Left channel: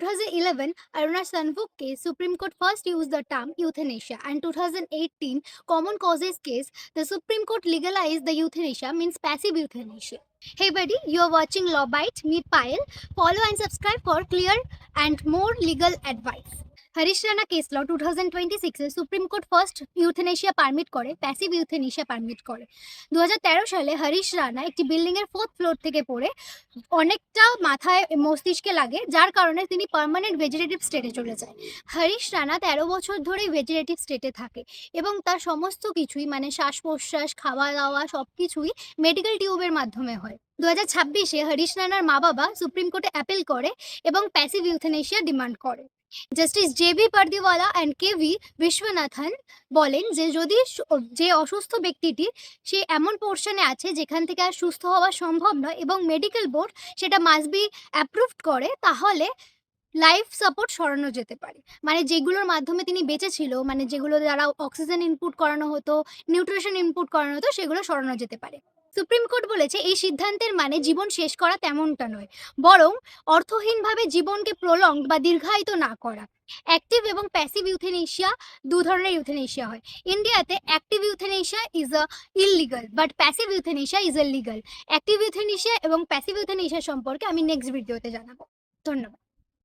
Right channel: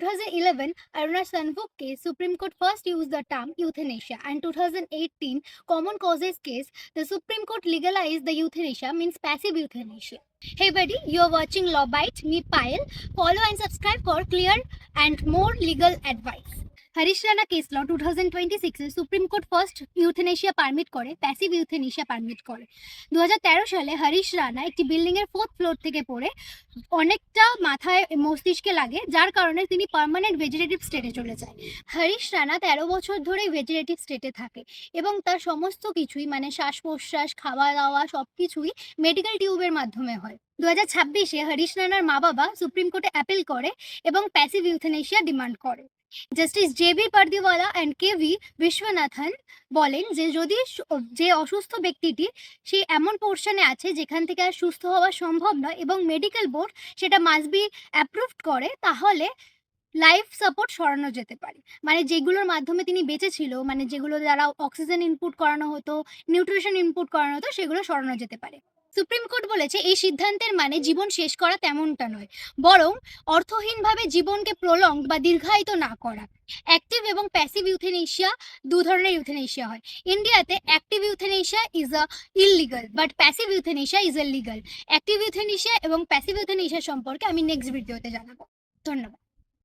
2011 Aruna Sanvuk case, Supreme Court first used the term euthanasia, and 2018 common causes case, the Supreme Court legalized the euthanasia, means passive euthanasia. Hey buddy, you are watching Law Bite, me Payal. Follow and subscribe for clear and more legal advice. Harish Rana case law 2026 এ supreme court first euthanasia permit করে, passive euthanasia permit করে। 2013 সালে হরিশ রানা একটি building এর 4th floor থেকে পড়ে অনেকটা মাথায় মস্তিষ্কে লাগে, যার কারণে তিনি পার্মানেন্ট ভেজিটেটিভ স্টেটে চলে যায়। হরিশ রানা 13 বছর ধরে ভেজিটেটিভ স্টেটে থাকে এবং তার সমস্ত কিছুই মানে শ্বাস প্রশ্বাস, খাওয়া দাওয়া সবকিছুই মেডিকেল টিউবের মাধ্যমে হয়। 2026-এ হরিশ রানার মা বাবা সুপ্রিম কোর্টে অ্যাপিল করে এবং প্যাসিভ ইউথেনেশিয়া ডিমান্ড করে। Justice JB. Pardiwala and KV. Viswanathan বলেন যে যদি যে অসুস্থ ব্যক্তিটি সে এমন পোর্শনে আছে যেখান থেকে আর সুস্থ হওয়া সম্ভব নয় এবং মেডিকেল বোর্ড সেটা মাস্ট বি অ্যাপ্রুভড করে, তাহলে লাইফ সাপোর্ট সরানো যেতে পারে। মানে যেগুলোর মাধ্যমে তিনি বেঁচে ছিল, মানে যেগুলো দ্বারা অক্সিজেন ইনপুট করানো হতো, নিউট্রিশন ইনপুট করানো হতো, সেগুলো সরানো যেতে পারে। সুপ্রিম কোর্ট বলেছে এই সিদ্ধান্তের মানে জীবন শেষ করা তেমনটা নয়, বরং অর্থহীনভাবে জীবনকে প্রলংড বা দীর্ঘায়িত না করা। অ্যাক্টিভ এবং প্যাসিভ ইউথেনেশিয়া দু ধরনের ইউথেনেশিয়া হয়। ইন্ডিয়াতে active euthanasia is a illegal but passive euthanasia is a legal. Active euthanasia এবং প্যাসিভ ইউথেনেশিয়া সম্পর্কে আমি নেক্সট ভিডিওতে জানাবো। ধন্যবাদ।